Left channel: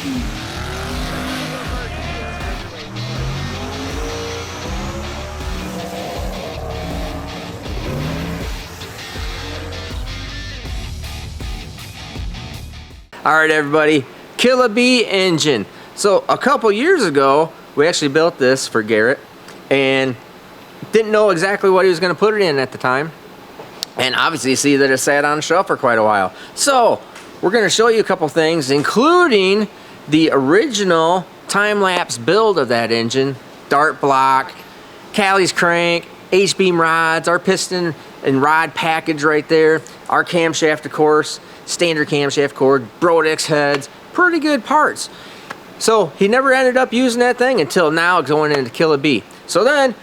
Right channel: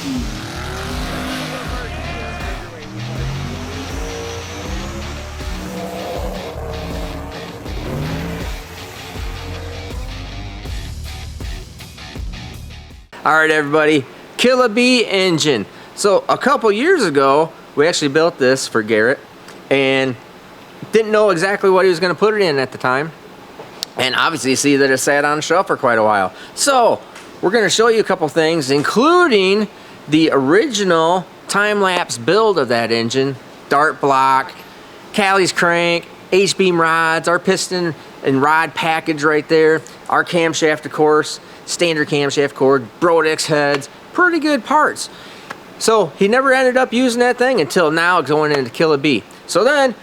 All right, everybody, Killa engine. So a couple years ago, we actually built this for Garrett and didn't know exactly what he was going to put it in at the time. And obviously you see that it sat on the shelf for quite a while. So we're going to show you a couple things, including the original time-lapse build of that engine, dart block, Callie's crank, H-beam rods, our piston and rod package right there, our camshaft, of course, standard camshaft cord, Brodix heads, pretty good parts. So he never ended up using that thing until now going into Killa. So then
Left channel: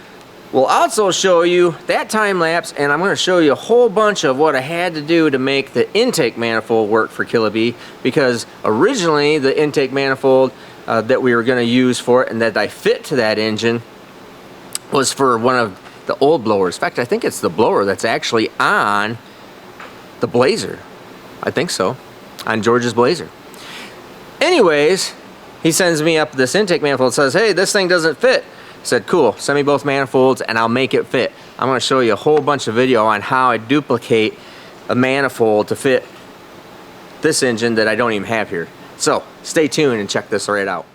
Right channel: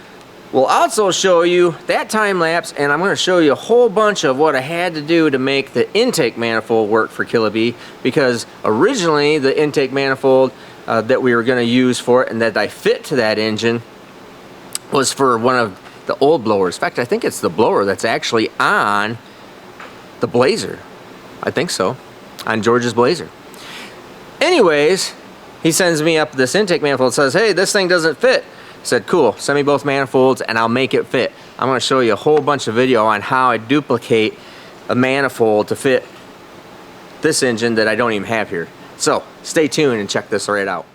we'll also show you that time lapse, and I'm going to show you a whole bunch of what I had to do to make the intake manifold work for Killa, because originally the intake manifold that we were going to use for it and that I fit to that engine was for one of the old blowers. In fact, I think it's the blower that's actually on the Blazer. I think so, on George's Blazer. Anyways, he sends me up this intake manifold and says, hey, this thing doesn't fit. I said, cool, send me both manifolds and I'll make it fit. I'm going to show you a whole bunch of video on how I duplicate a manifold to fit this engine that I don't even have here. So stay tuned and check this right out.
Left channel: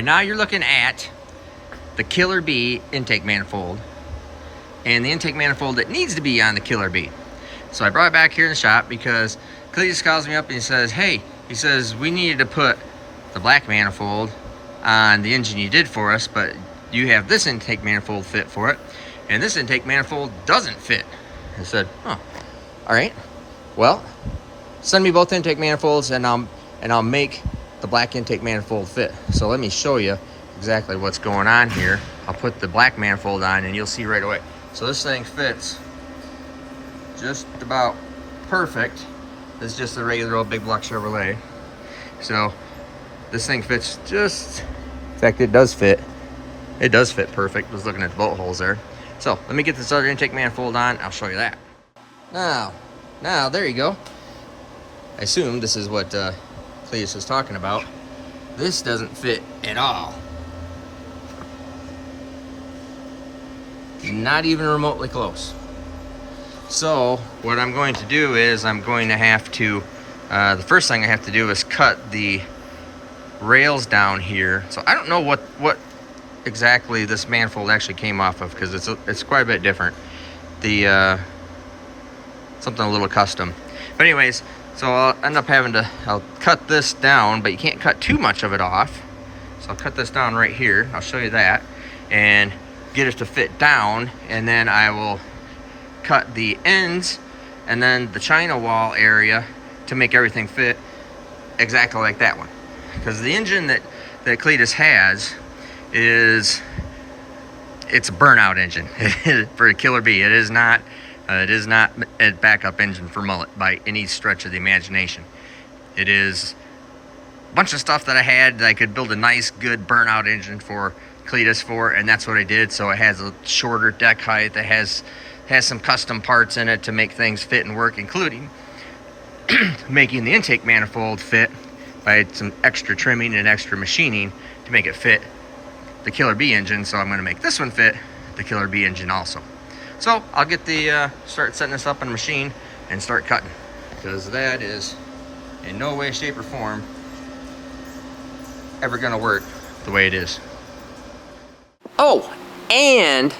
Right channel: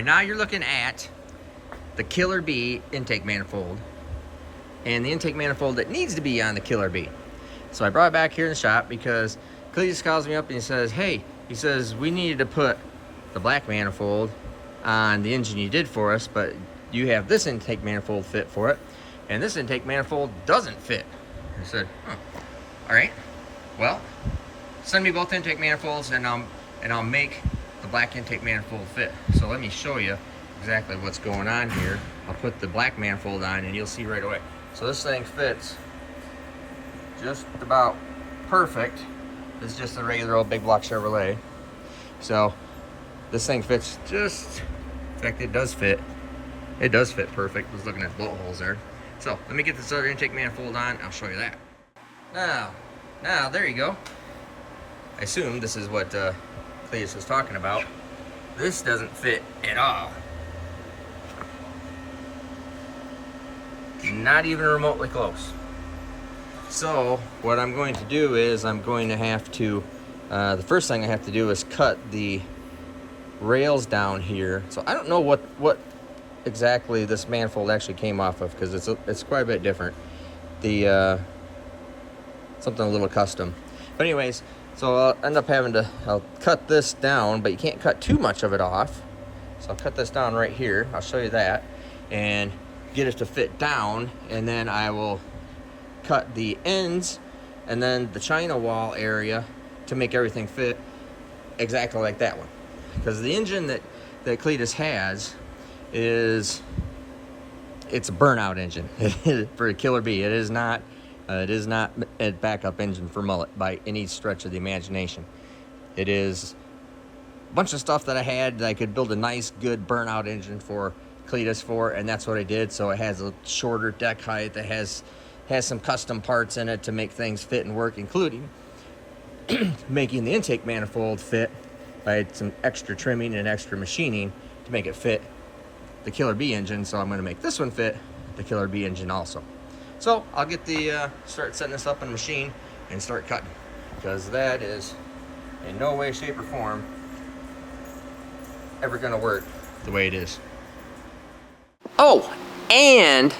right, now you're looking at the Killer Bee intake manifold and the intake manifold that needs to be on the Killer Bee. So I brought it back here in the shop because Cletus calls me up and he says, hey, he says, we needed to put the black manifold on the engine you did for us, but you have this intake manifold fit for it, and this intake manifold doesn't fit. I said, oh, all right, well, send me both intake manifolds and I'll make the black intake manifold fit. So let me show you exactly what's going on here. I'll put the black manifold on and you'll see right away. So this thing fits just about perfect. This is just a regular old big block Chevrolet. So this thing fits just, in fact, it does fit. It does fit perfect. I was looking at the bolt holes there. So let me get this other intake manifold on. I'll show you that. Now, there you go. I assume this is what Cletus was talking about. This doesn't fit at all. Not even remotely close. So what I'm going to do is I'm going to have to, the first thing I have to do is cut the rails down here. So I don't know what exactly this manifold actually came off of, because it's quite a bit different. The something a little custom. But anyways, so I'll end up having to, I'll cut this down, but you can't cut too much of it off. So I'll cut this down right here. I'll show you that and get it to fit down, and then I will cut the ends and then the China wall area to make everything fit exactly like that one. Because the engine that Cletus has it's a burnout engine for a Killer Bee. It is not a backup engine for Mullet by any stretch of the imagination. It is a bunch of stuff that I had that I could build a nice, good burnout engine for Cletus for, and that's what I did. So it has a shorter deck height. It has some custom parts in it to make things fit and work, including making the intake manifold fit by some extra trimming and extra machining to make it fit the Killer Bee engine. So I'm going to make this one fit the Killer Bee engine also. So I'll get the start setting this up in a machine and start cutting, because that is in no way, shape, or form ever going to work the way it is. Oh, and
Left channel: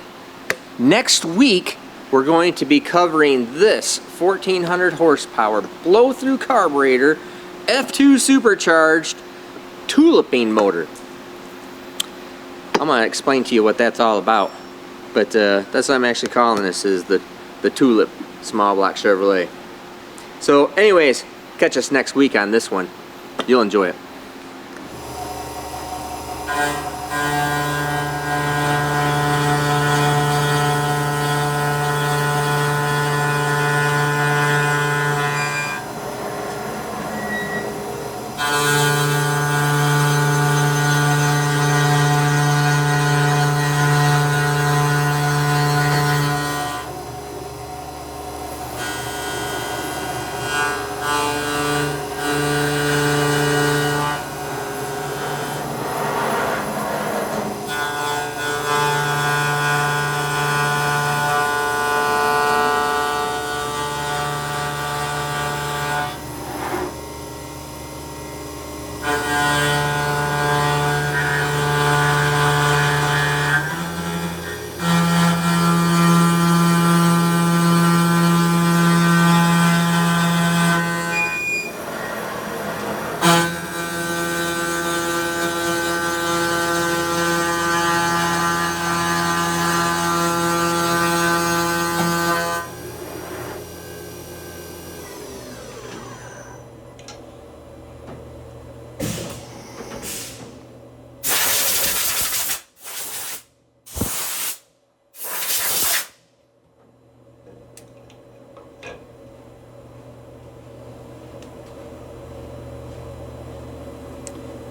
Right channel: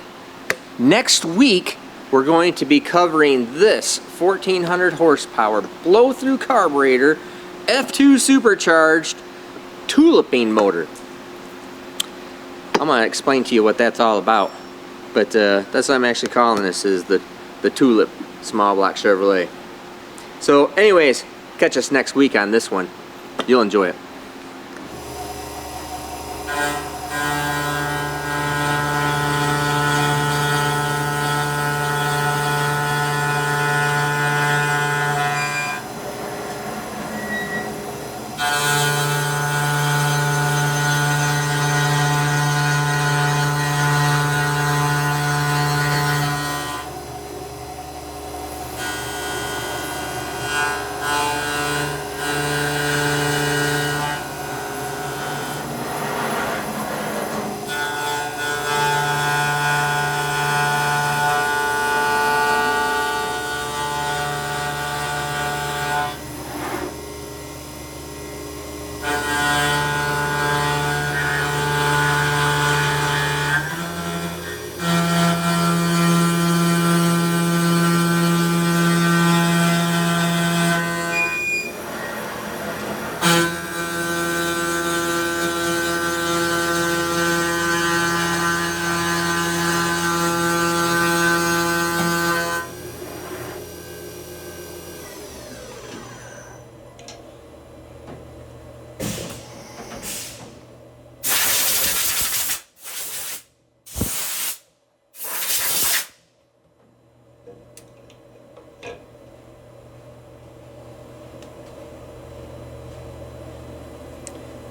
next week we're going to be covering this 1400 horsepower blow-through carburetor F2 supercharged tuliping motor. I'm going to explain to you what that's all about. But that's what I'm actually calling this, is the Tulip small block Chevrolet. So anyways, catch us next week on this one. You'll enjoy it.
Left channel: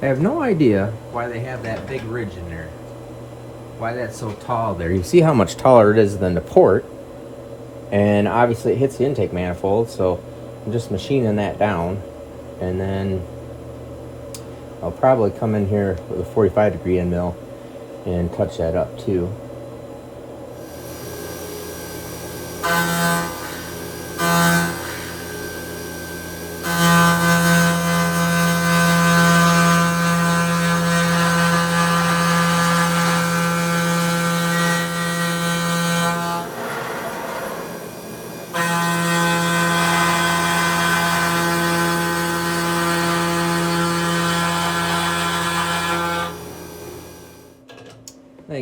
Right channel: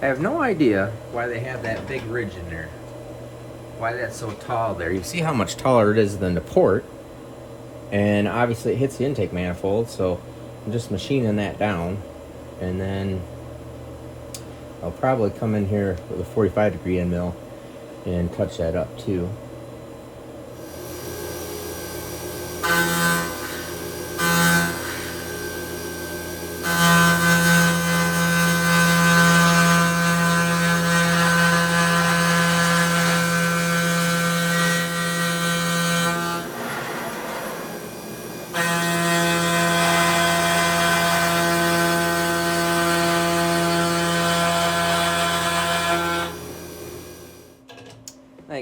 I have no idea why they have that big ridge in there. Why that's so tall there. You see how much taller it is than the port. And obviously it hits the intake manifold, so I'm just machining that down. And then I'll probably come in here with a 45-degree end mill and touch that up too.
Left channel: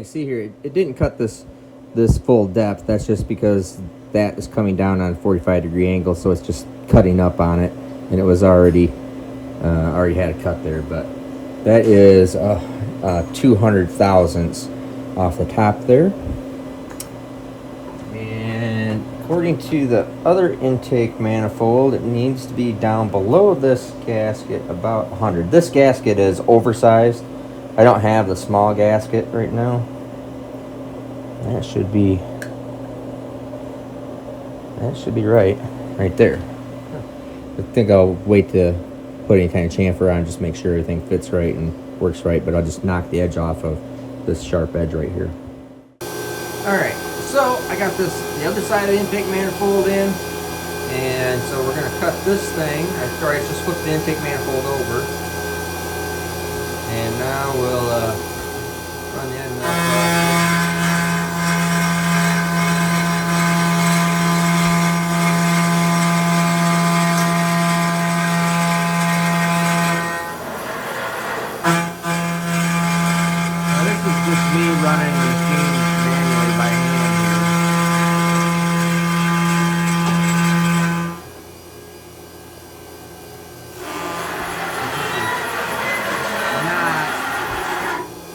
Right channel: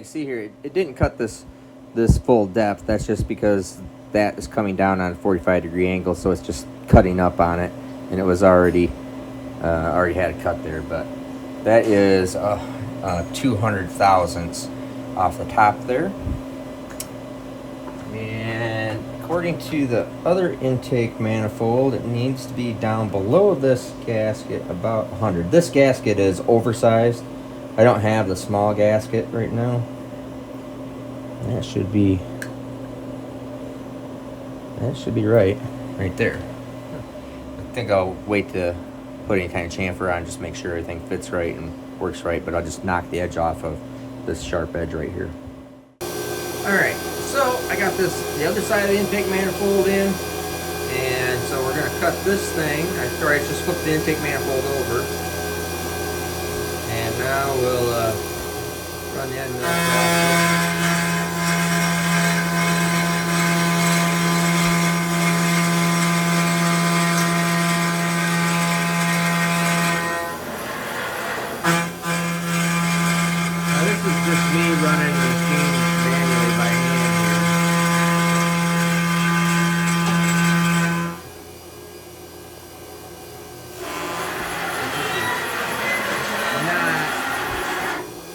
see here, it didn't cut this full depth. That's just because that is coming down on a 45-degree angle, so it's just cutting up on it, and it was already had a cut there. But that is 200 thousandths off the top there. And according to the other intake manifold, it needs to be down below this gasket about 100. This gasket is oversized. I don't have the small gasket right now. That should be right there. I think I'll wait to put any kind of chamfer on, just make sure everything fits right and works right, but I'll just knock the edge off of this sharp edge right here. Alright, so I got the other side of the intake manifold in, and so we're going to cut this thing. I just flipped the intake manifold over, and now we'll run the end off. Just me running the machine manually by hand here.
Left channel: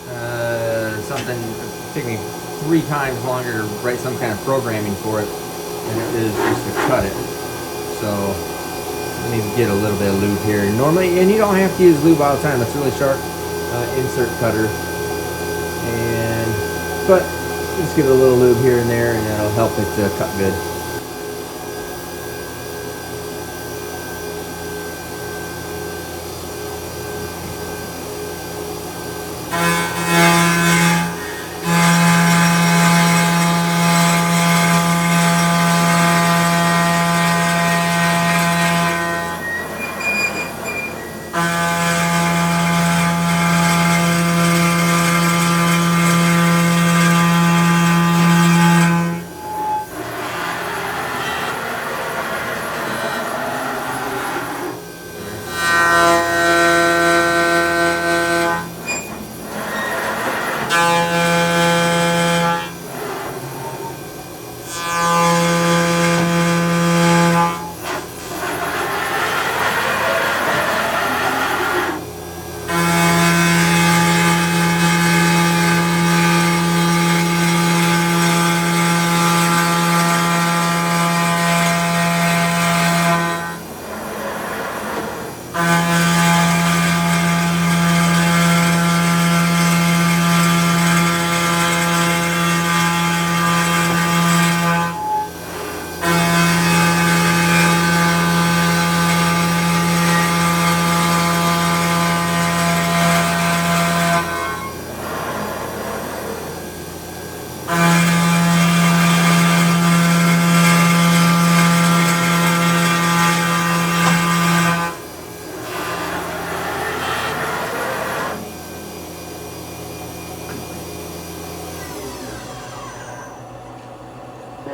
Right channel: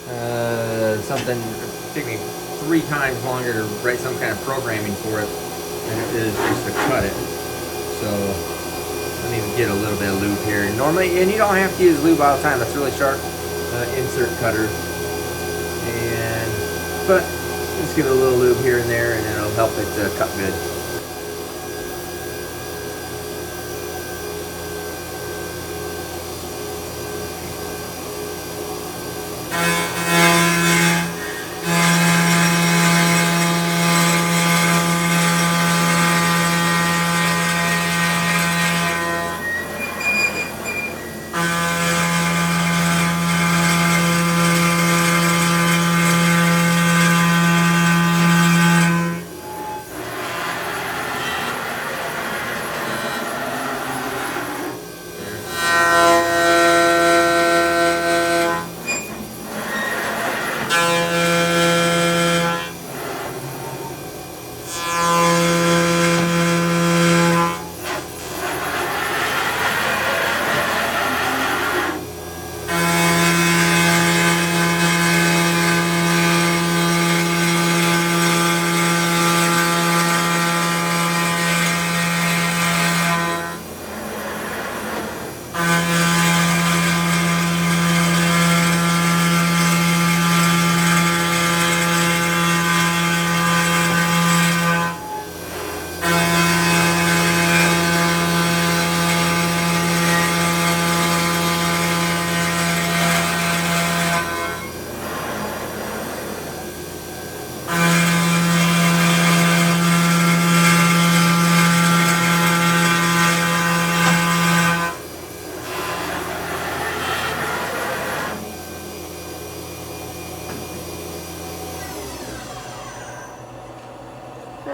Not something that took me 3 times longer to write some kind of programming for it than it is just to cut it. So let me get a little bit of lube here. Normally, and you don't have to use lube all the time. That's really sharp insert cutter. But just give it a little lube here and there, and it'll help it to cut good.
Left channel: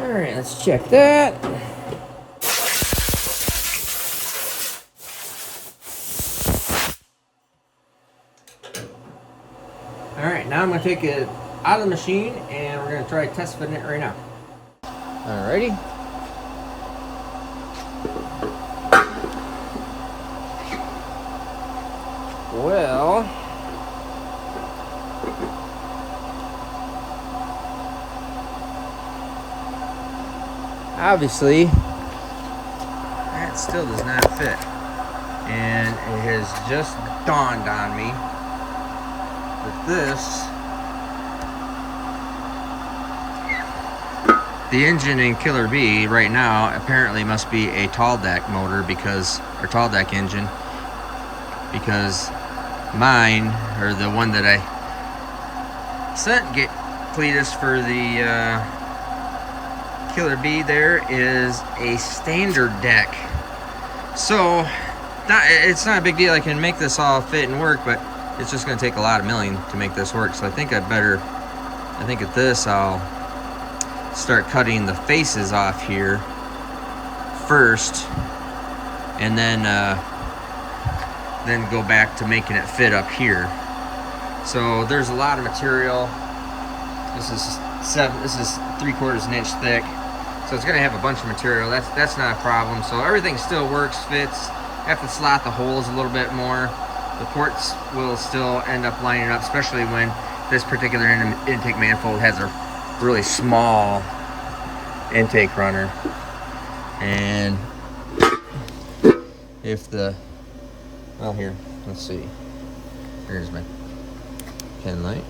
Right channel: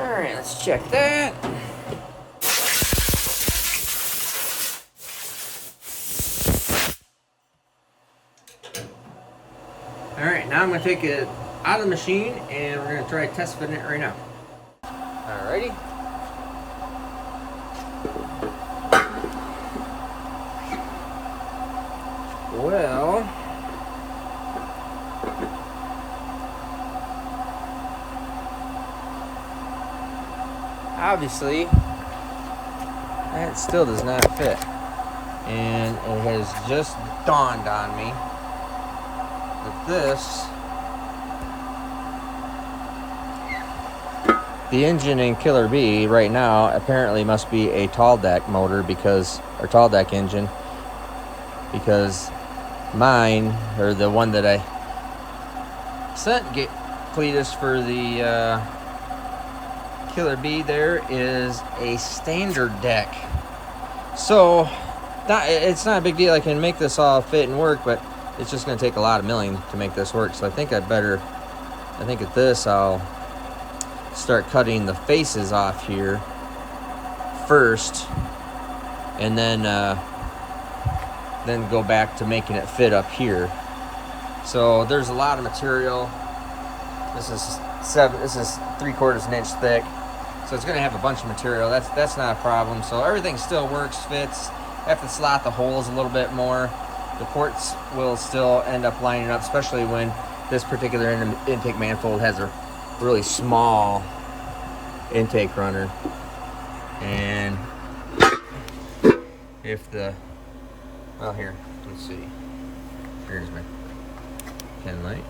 Alright, let's check that. Alright, now I'm going to take it out of the machine and we're going to try test fitting it right now. Alrighty. Well, obviously that still does not fit, and it has just dawned on me that the engine in Killer Bee right now apparently must be a tall deck motor, or tall deck engine, because mine, or the one that I sent Cletus for the Killer Bee, there is a standard deck. So it's not a big deal. I can make this all fit and work, but it's just going to take a lot of milling to make this work. So I think at this I'll start cutting the faces off here first, and then go back to making it fit up here. So there's a lot of material This is 3/4 inch thick, so it's gonna have a bunch of material. That's not a problem. So everything still works, fits. Have to slot the holes a little bit more. The ports will still end up lining up, especially when this particular intake manifold has a really small intake runner. And if well, here, let's see. Here's my pin light.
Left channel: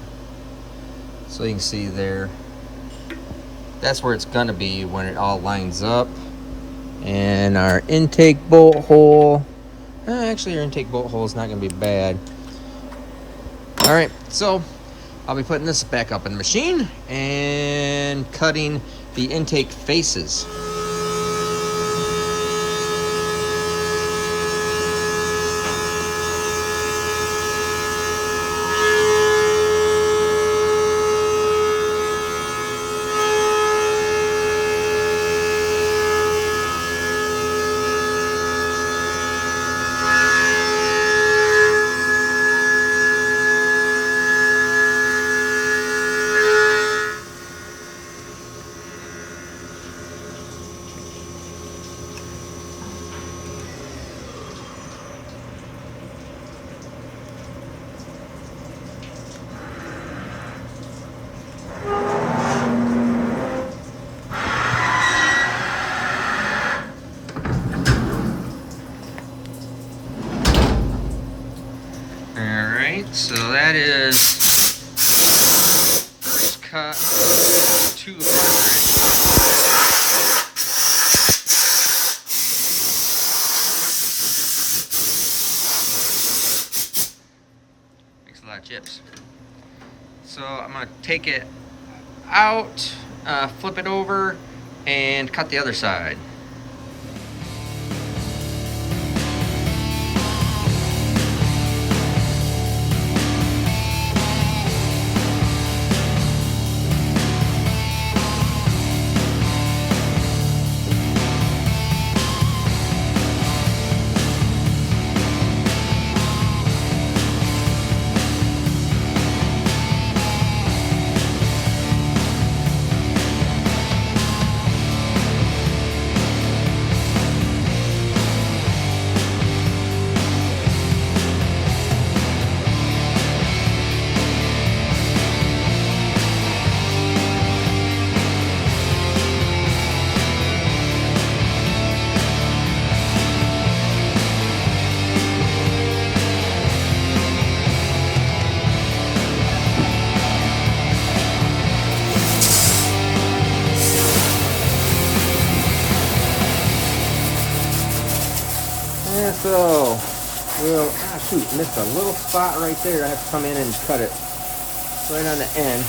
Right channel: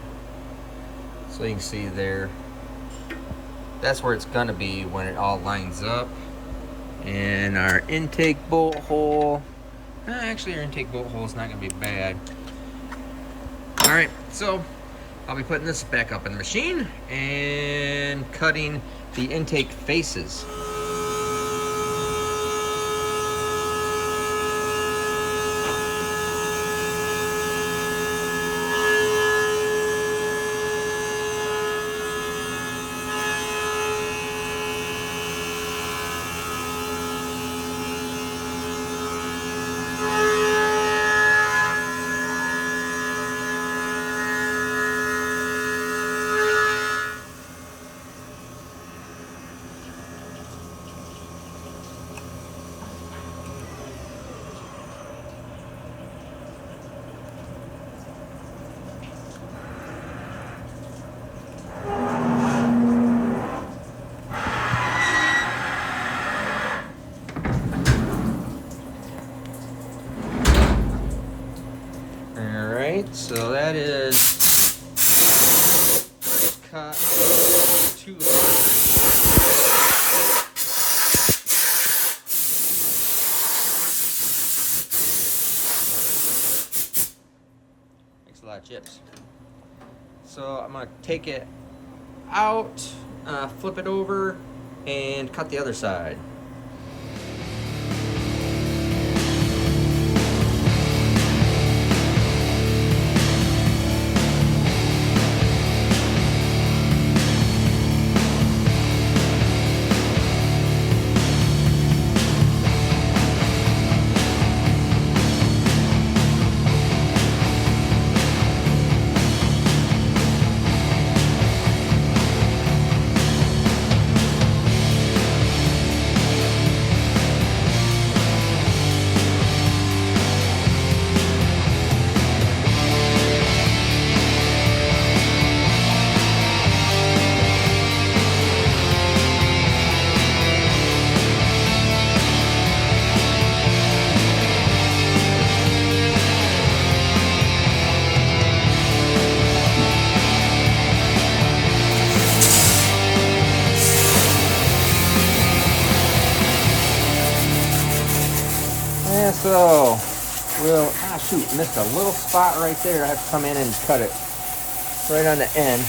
So you can see there, that's where it's gonna be when it all lines up. And our intake bolt hole, actually our intake bolt hole is not gonna be bad. All right, so I'll be putting this back up in the machine and cutting the intake faces. So that is first cut 200. Makes a lot of chips. So I'm gonna take it out, flip it over, and cut the other side. Shoot, missed a little spot right there. I have to come in and cut it right on the end.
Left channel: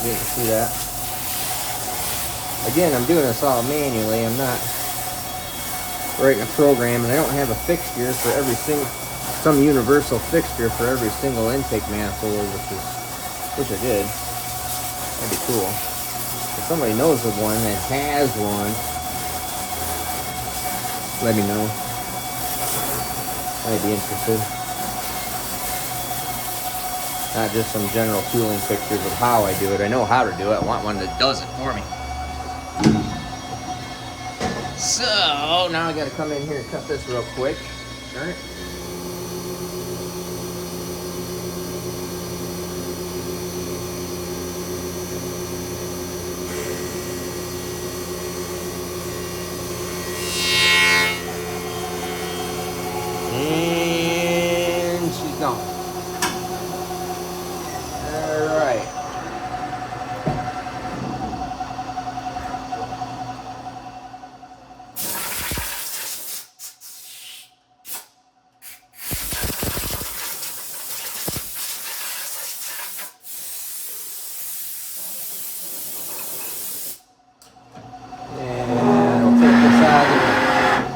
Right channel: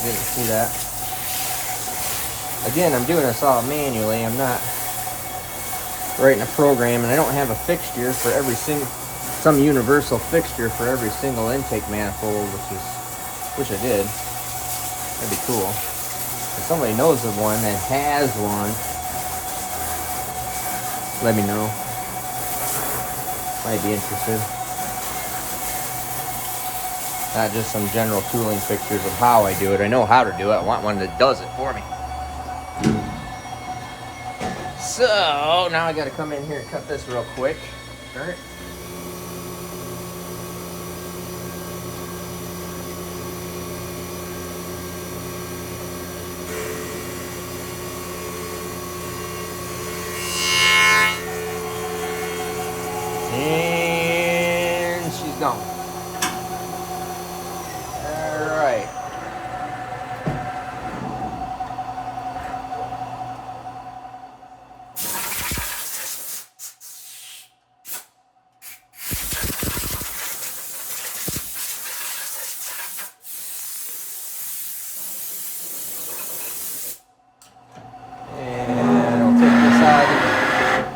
You can see that. Again, I'm doing this all manually. I'm not writing a program, and I don't have a fixture for every single, some universal fixture for every single intake manifold, which I did. That'd be cool. If somebody knows of one that has one, let me know. I'd be interested. Not just some general tooling fixtures of how I do it. I know how to do it. I want one that does it for me. So now I gotta come in here and cut this real quick. All right.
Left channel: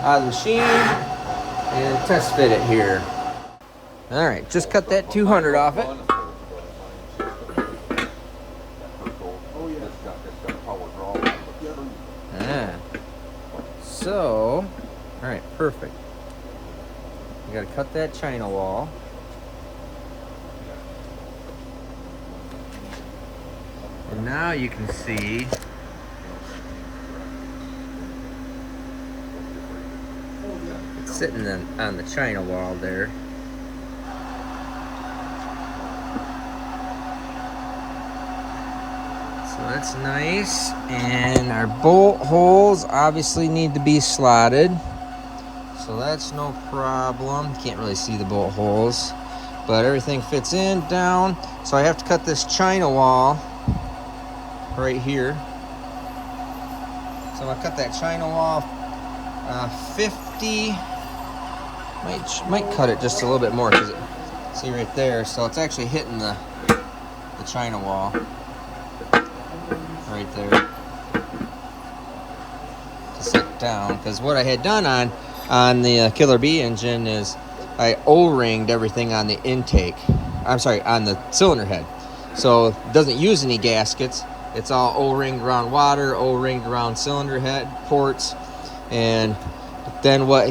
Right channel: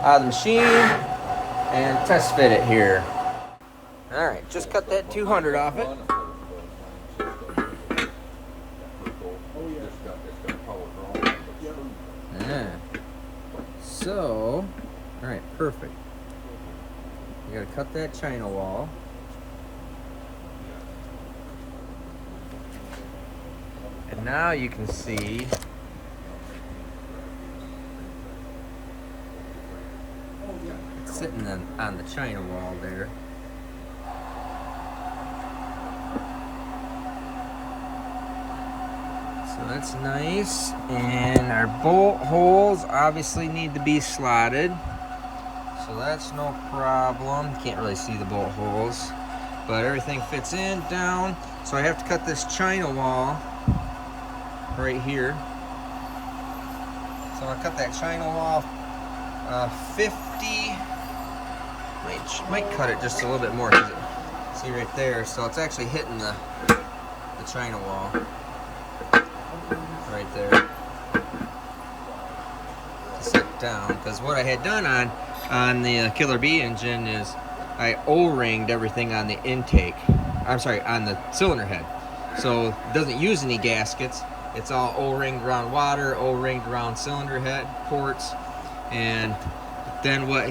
Out of the machine and test fit it here. All right, just cut that 200 off it. So, all right, perfect. You got to cut that China wall. now you can see it's sitting on the China wall there. So that's nice. And our bolt holes obviously need to be slotted. So that's no problem. Can't really see the bolt holes, but everything fits in, down. So I have to cut this China wall right here. So I cut that China wall 50. Might cut it just a little bit more because see right there. So it's actually hitting the China wall right there. Just like down, because what I had done on the Killer Bee engine is I O-ringed everything on the intake. I'm sorry, on the cylinder head. So it doesn't use any gaskets. It's all O-ringed around water, O-ringed around cylinder head ports. And then what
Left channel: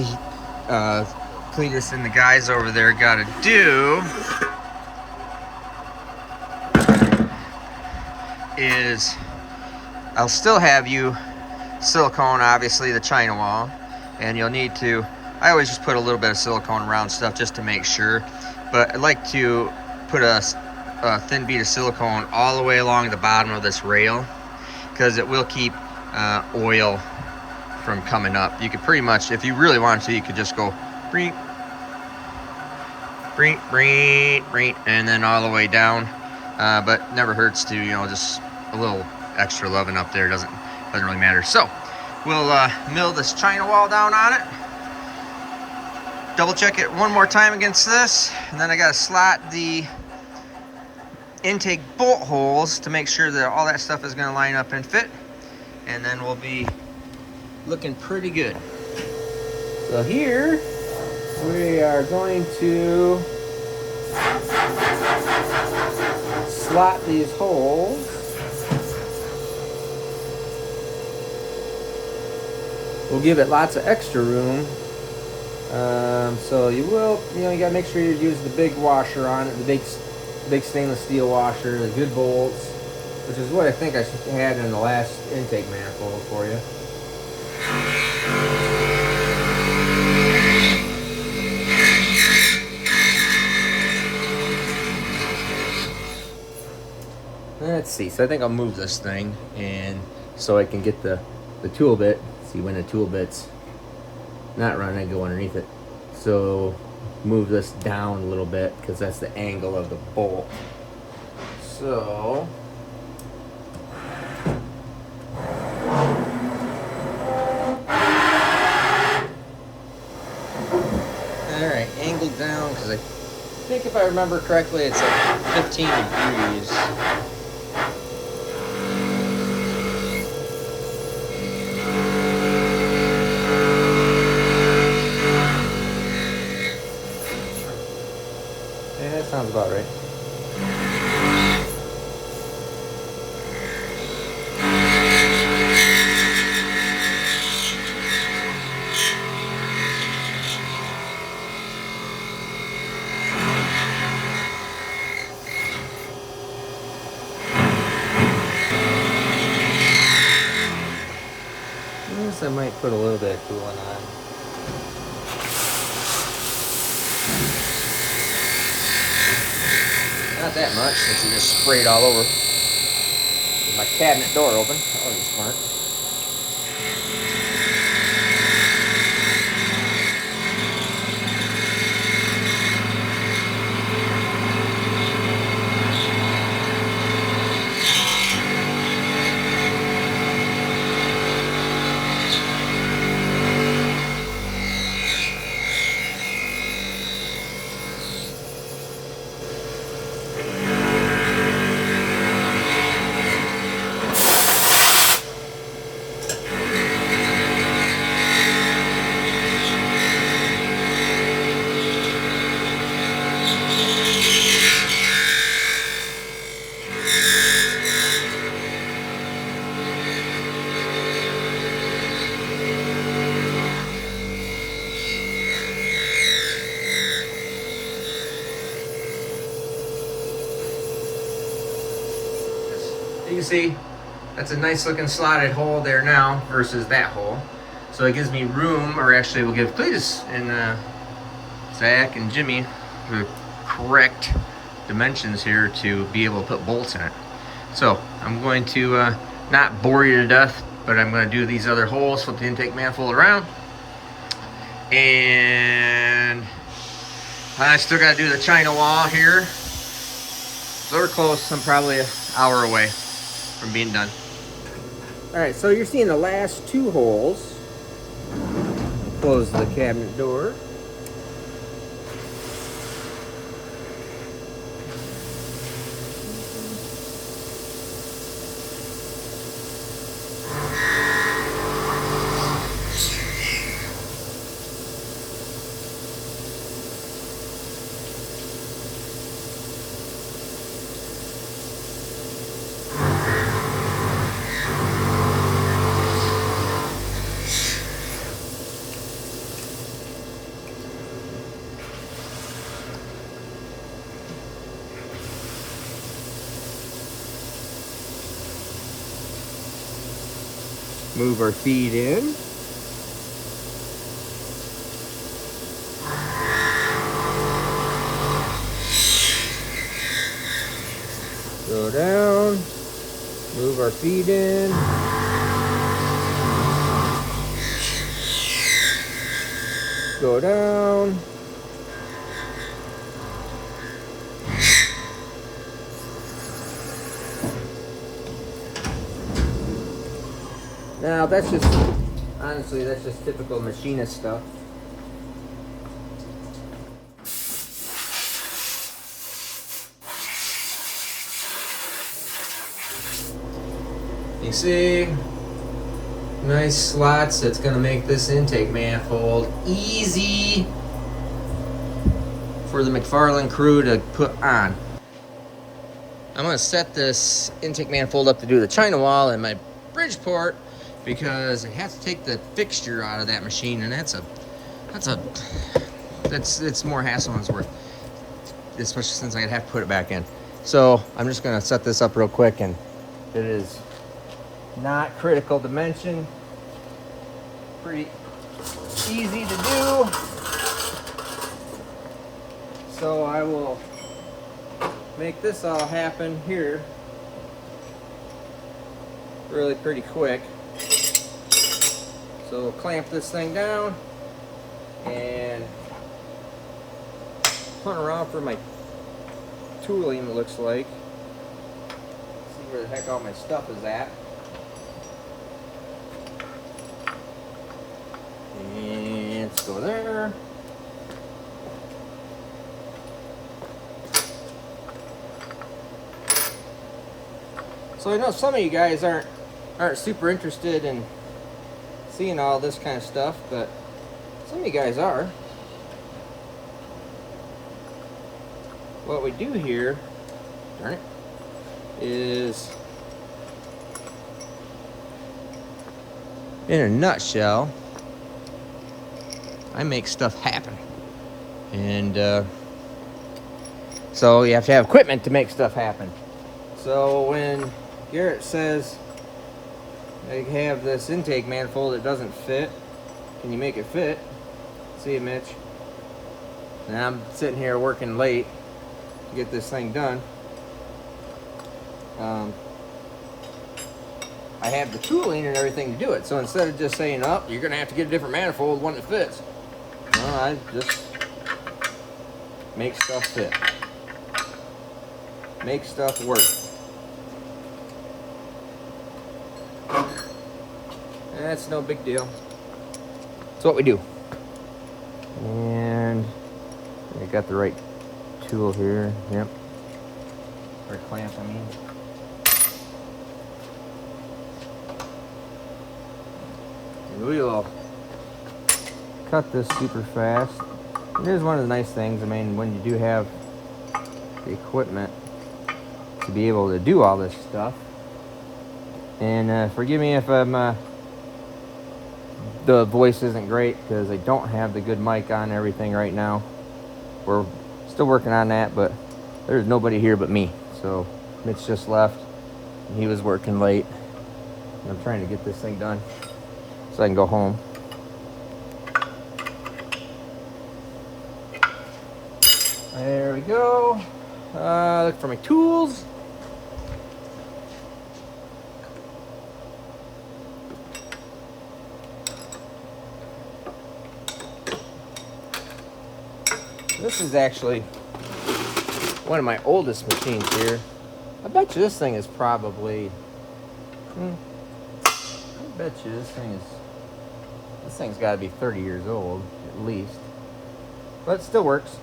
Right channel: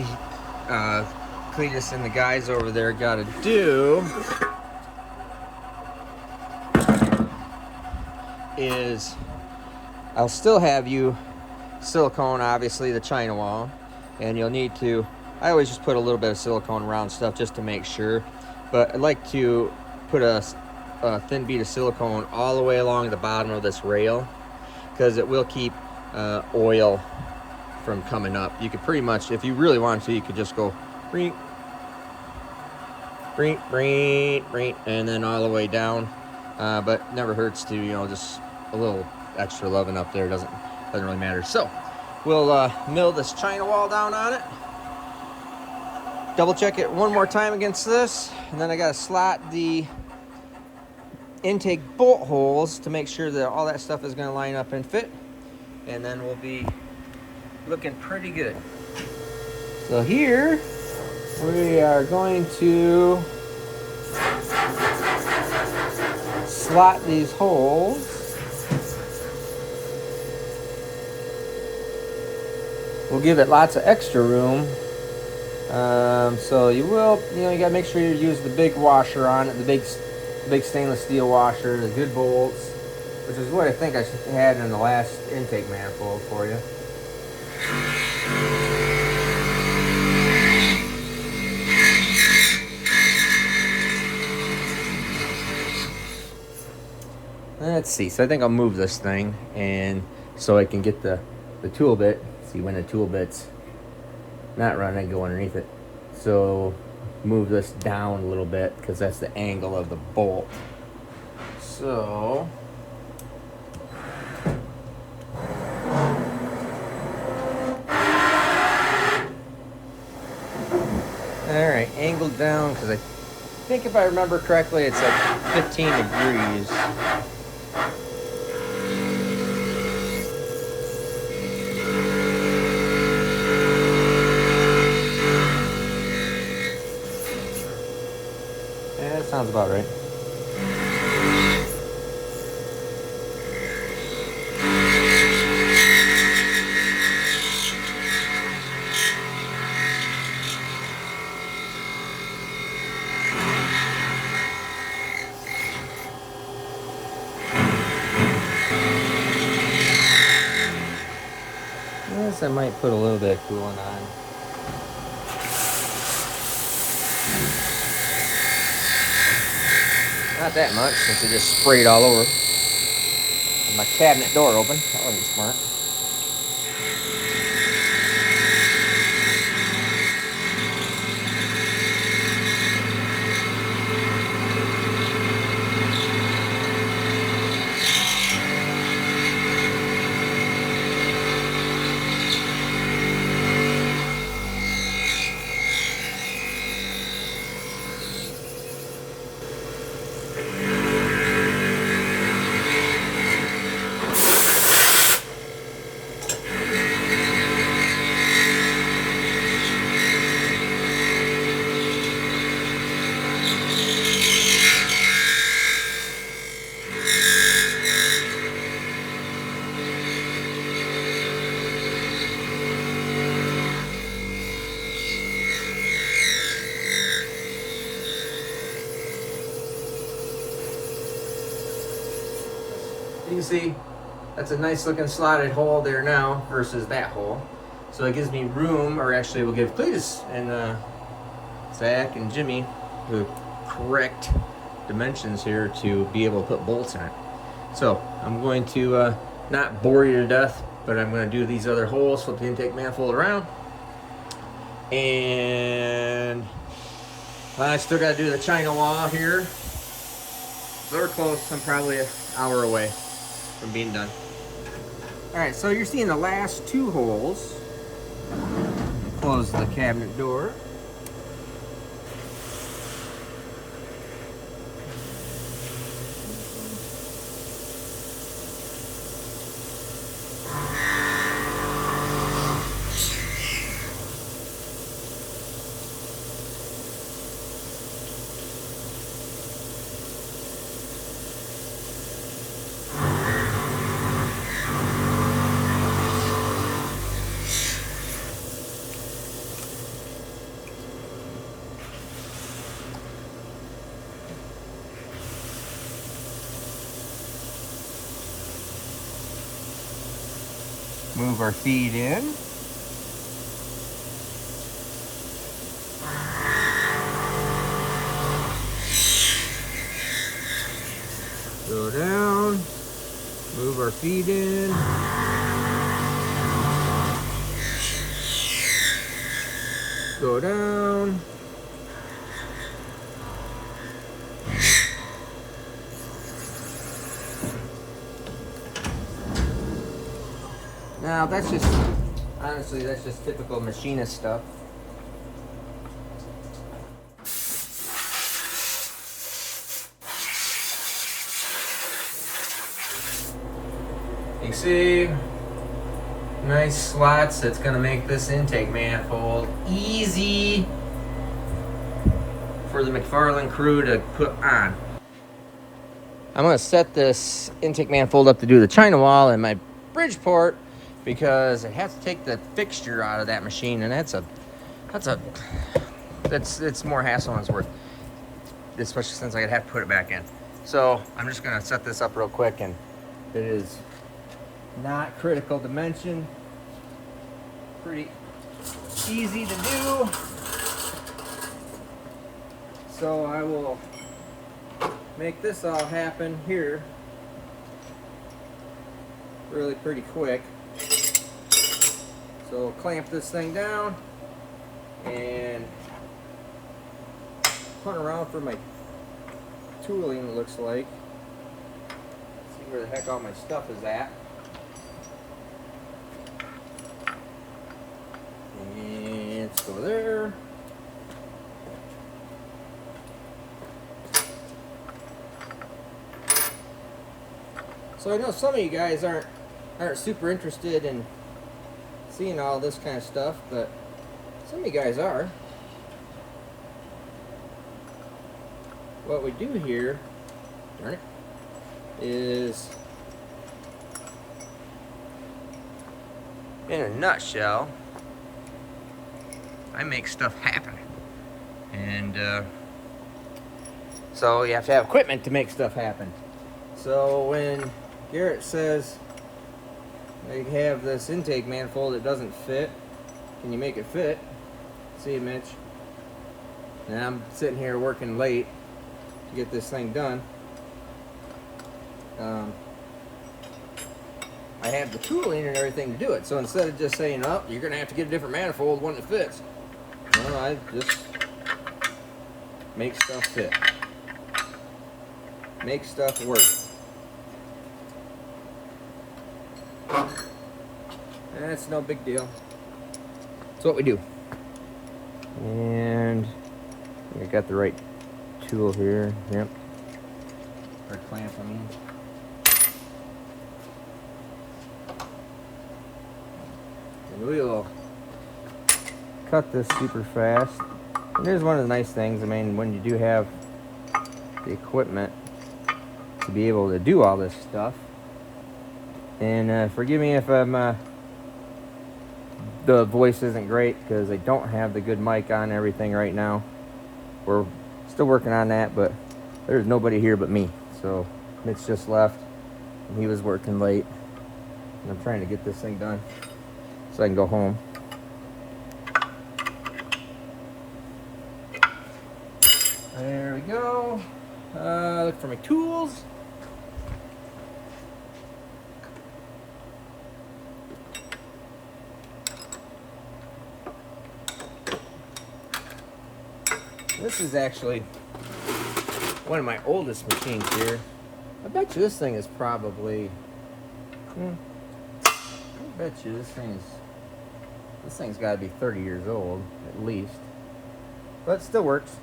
Cletus and the guys over there got to do is I'll still have you silicone, obviously, the China wall. And you'll need to, I always just put a little bit of silicone around stuff just to make sure. But I'd like to put a thin bead of silicone all the way along the bottom of this rail, because it will keep oil from coming up. You could pretty much, if you really wanted to, you could just go brink, brink, brink, brink, and then all the way down. But never hurts to, you know, just a little extra loving up there. Doesn't really matter. So we'll mill this China wall down on it. Double check it one more time against this, and then I gotta slot the intake bolt holes to make sure that all that stuff is gonna line up and fit, and then we'll be looking pretty good. So here we are going to slot these holes. We'll give it lots of extra room. So you gotta make sure you use the big washer on it, the big stainless steel washer, the good bolts, which is what I think I had in the last intake manifold for you. Let's see, so I think I'll move this thing, and so I can get the tool bit. See, when the tool bit's not running, I go underneath it. So move this down a little bit because that's the angle of the bolt. So alright, angled down, because I think if I remember correctly it's like 15 degrees. Sounds about right. I guess I might put a little bit of coolant on. Not that much, since it just sprayed all over. With my cabinet door open. That'll be smart. can see that's a nice looking slotted hole there now versus that hole. So it gives me room, or actually will give Cletus and Zach and Jimmy the correct dimensions here to be able to put bolts in it. So I'm going to not bore you to death, but I'm going to do these other holes, flip the intake manifold around, and I still got to do the China wall here. So we're close. I'm probably an hour away from being done. All right, so you're seeing the last two holes. Close the cabinet door. Move our feed in. Go down. Move our feed in. Go down. Now that's just, honestly, that's just typical machinist stuff. You see, nice slots. That's gonna make this intake manifold easy for the McFarland crew to put on. I'm gonna set this intake manifold up to do the China wall and my Bridgeport, because I have to take the fixture out of that machine, and it's more hassle than it's worth, especially since I'd have to put it back in. So I'm just gonna set this up real quick, and it is not critical dimension, pretty easy to do. So I will make this all happen here really pretty quick. So we'll clamp this thing down and hunt around for my tooling, it looks like. See where the heck all my stuff is at. And let's go there. So I know some of you guys aren't super interested in seeing all this kind of stuff, but some of you guys are. What we do here, darn it, is, in a nutshell, I make stuff happen. And so you have to have equipment to make stuff happen. So when Garrett says I have this intake manifold that doesn't fit, can you make it fit? See you, Mitch. And I'm sitting here working late to get this thing done. I have the tooling and everything to do it. So instead of just saying, oh, you're gonna have to get a different manifold, one that fits, well, I just make stuff fit. Make stuff work. That's no big deal. That's what we do. And I got the right tool here. Yep. Or clamp, I mean. And we'll cut this super fast. And here's one of the nice things. I mean, when you do have the equipment to be able to do all this stuff. And forgive me if I'm the voice isn't great, because I don't have the good mic on everything right now. We're still working on that, but there's nobody here but me. So Mitch just left. He was working late, and I'm trying to get this thing done so I can go home. There we go. Look for my tools. This is actually one of my oldest machines here. I bet you this thing is probably, I bet you this thing's got to be 30 years old at least, but it still works.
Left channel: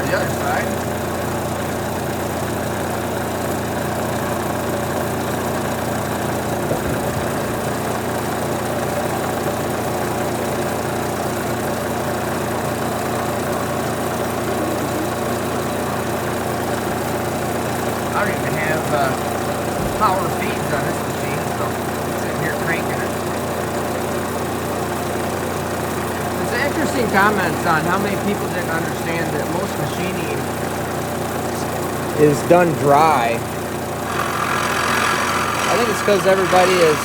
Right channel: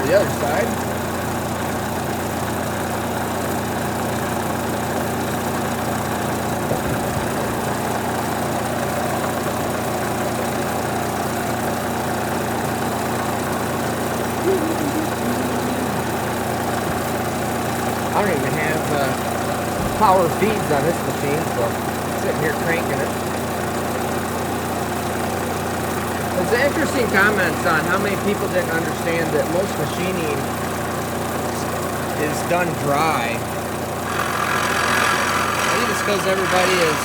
The other side. I don't even have power feeds on this machine, so I'm sitting here cranking it. There's interesting comments on how many people didn't understand that most machining is done dry. I think it's because everybody is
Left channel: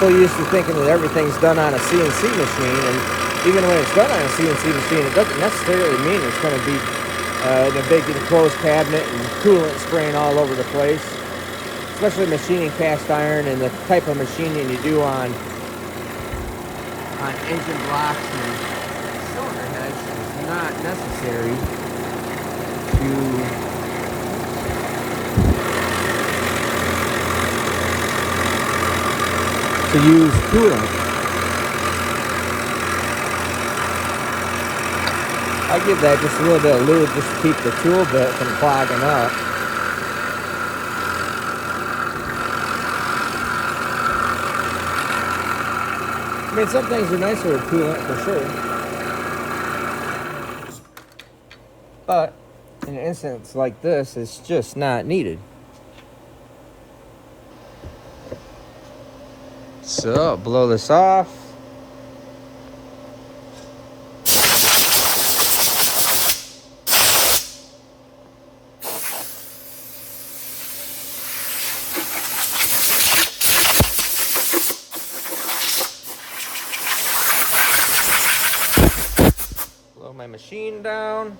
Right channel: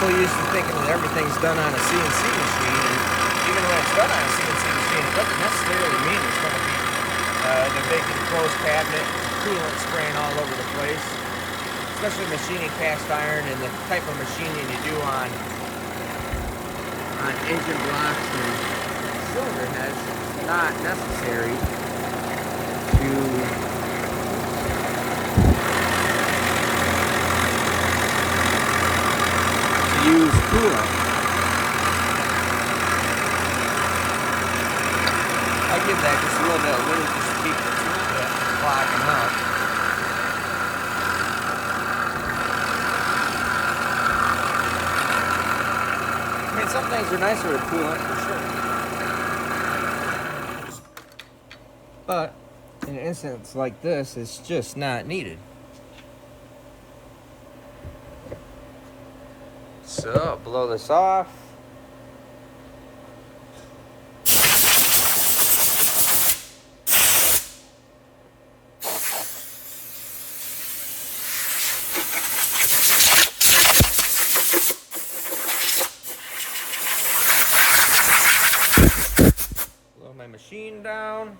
so used to thinking that everything's done on a CNC machine, and even when it's done on a CNC machine, it doesn't necessarily mean it's going to be the big enclosed cabinet and coolant spraying all over the place. Especially machining cast iron and the type of machining you do on engine blocks and cylinder heads, it's not necessary to use coolant. I give that just a little bit of lube just to keep the tool bit from clogging up. I mean, some things are nicer with coolant for sure, but in an instance like this, it's just not needed. So blow this off. Blow my machine down.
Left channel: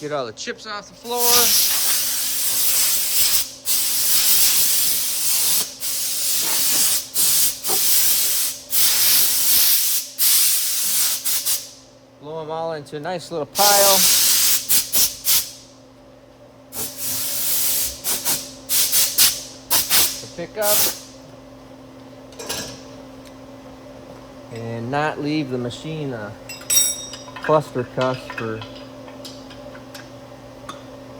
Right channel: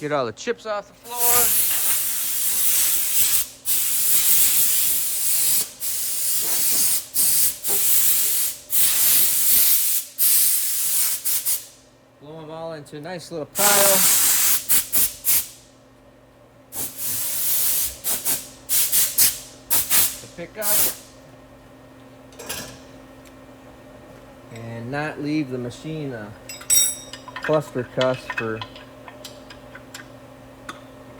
Get all the chips off the floor. Blow them all into a nice little pile. To pick up. And not leave the machine a cluster cuss for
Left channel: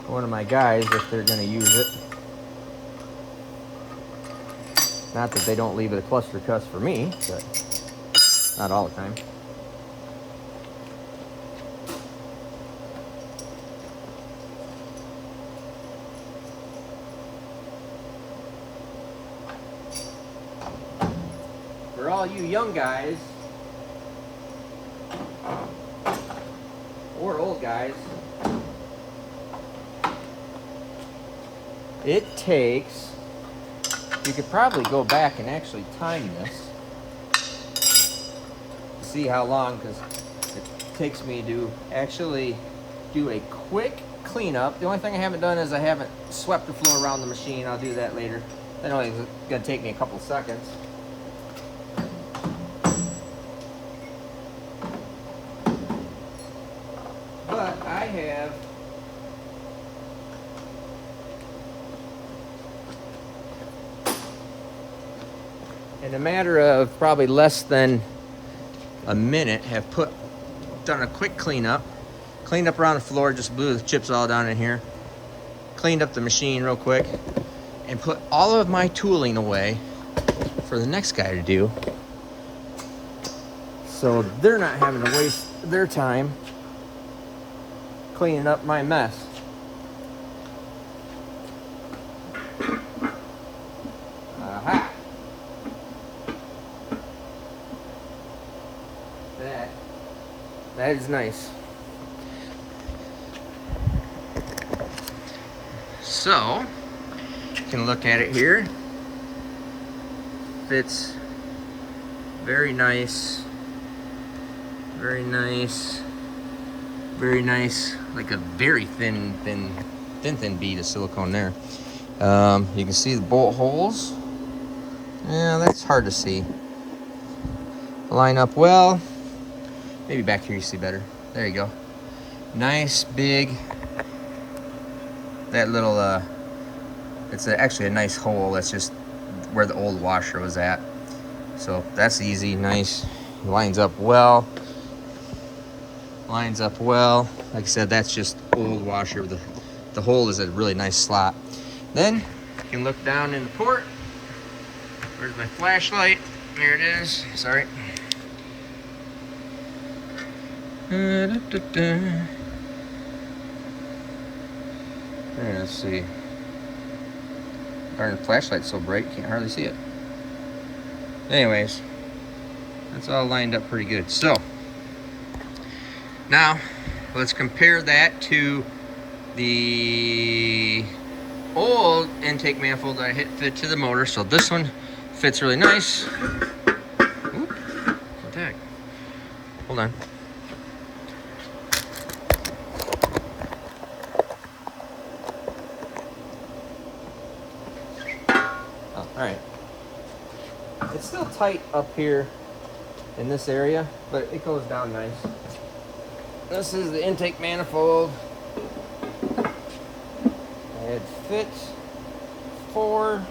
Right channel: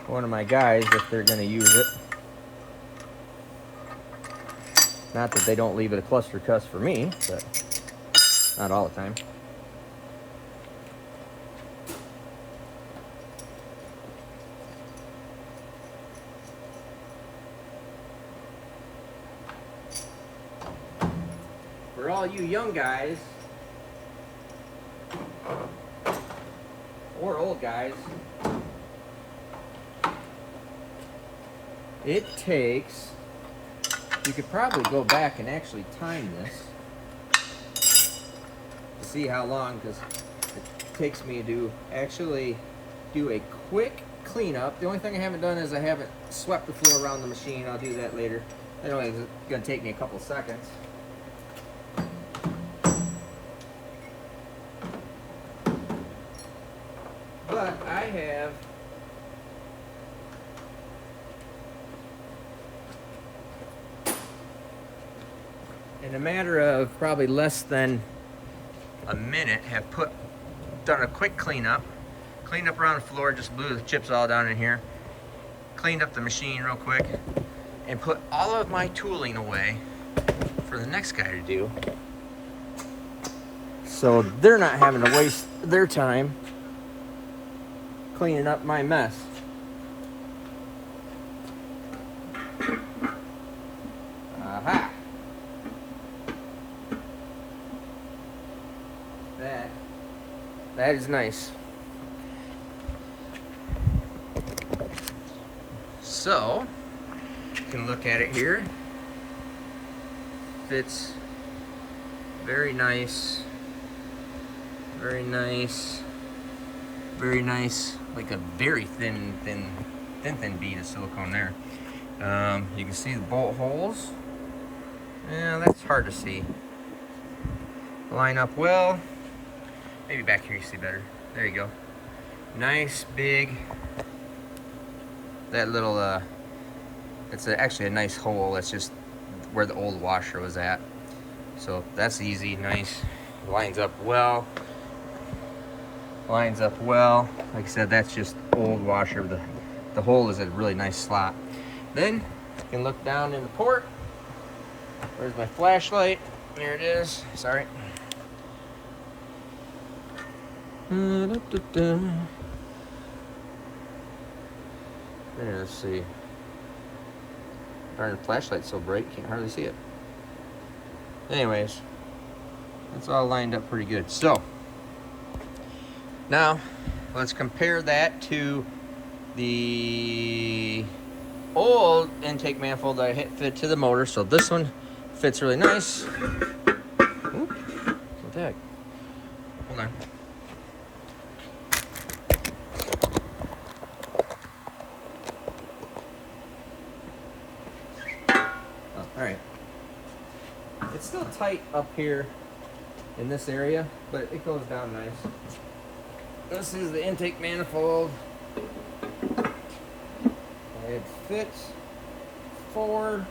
one of my guys if they're going to use it. Not that they don't leave it a cluster cuss for me, but not all the time. all you young guys or old guys, it takes, you could probably go back and actually time this to see how long, because it takes me to actually do a quick cleanup. The only thing I haven't done is I haven't swept the floor around the machine. I'll do that later. That only is going to take me a couple seconds. But I have in a matter of probably less than a minute have done a quick cleanup. Cleaned up around the floor, just blew the chips all down in here. Cleaned up the machine real quick and put all of my tooling away for the next guy to do. So they're not having to waste their time cleaning up my mess. Aha! That is nice. So, you can look at it here. Fits very nice. Very nice. Very nice. Like a very thin bead of silicone there. You can see the bolt holes. Yeah, that's hard to see. Line up well. Maybe back here you see better. There you go. Nice big. That little, it's actually a nice hole. That's just where the old washer was at. So that's easy, nice. Lines up well. Lines up well. Like I said, that's just old washer. The hole is a really nice slot. Then you can look down in the port. Where's my flashlight? There it is. Sorry. Here, let's see. Darn, the flashlight's so bright, can't hardly see it. Anyways, that's all lined up pretty good. So, now, let's compare that to the old intake manifold that I fit to the motor. So this one fits really nice. Oop, what the heck? Hold on. Alright, it's still tight up here in this area, but it goes down nice. This is the intake manifold. It fits for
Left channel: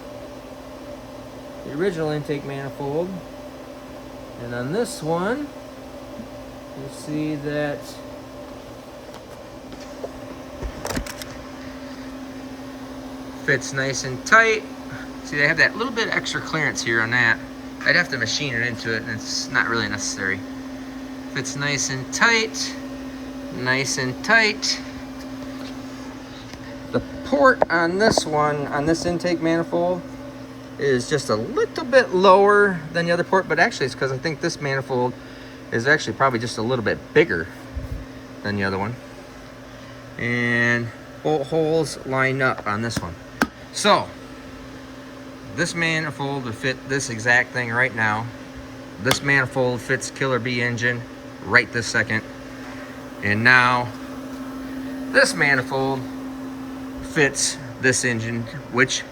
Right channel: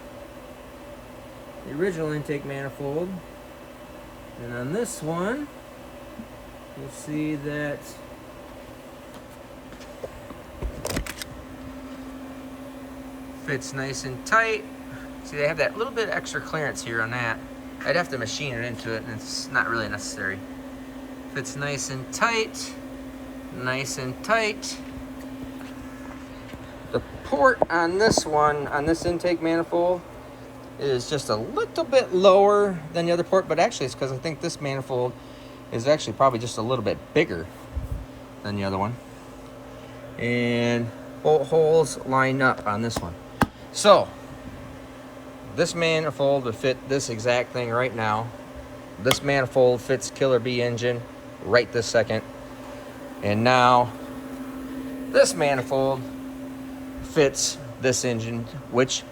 the original intake manifold. And on this one, you see that fits nice and tight. See, they have that little bit of extra clearance here on that. I'd have to machine it into it, and it's not really necessary. Fits nice and tight. Nice and tight. The port on this one, on this intake manifold, is just a little bit lower than the other port, but actually it's because I think this manifold is actually probably just a little bit bigger than the other one. And bolt holes line up on this one. So, this manifold would fit this exact thing right now. This manifold fits Killer Bee engine right this second. And now, this manifold fits this engine, which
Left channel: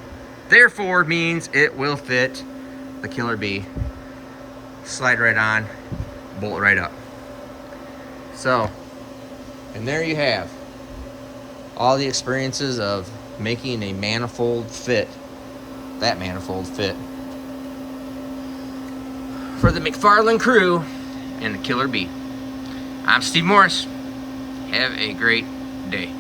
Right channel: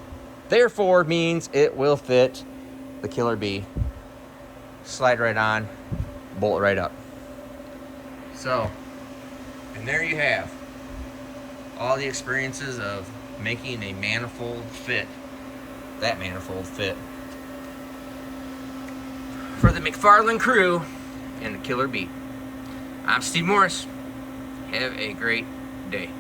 therefore means it will fit the Killer Bee. Slide right on, bolt right up. So, and there you have all the experiences of making a manifold fit. That manifold fit for the McFarland crew and the Killer Bee. I'm Steve Morris. Have a great day.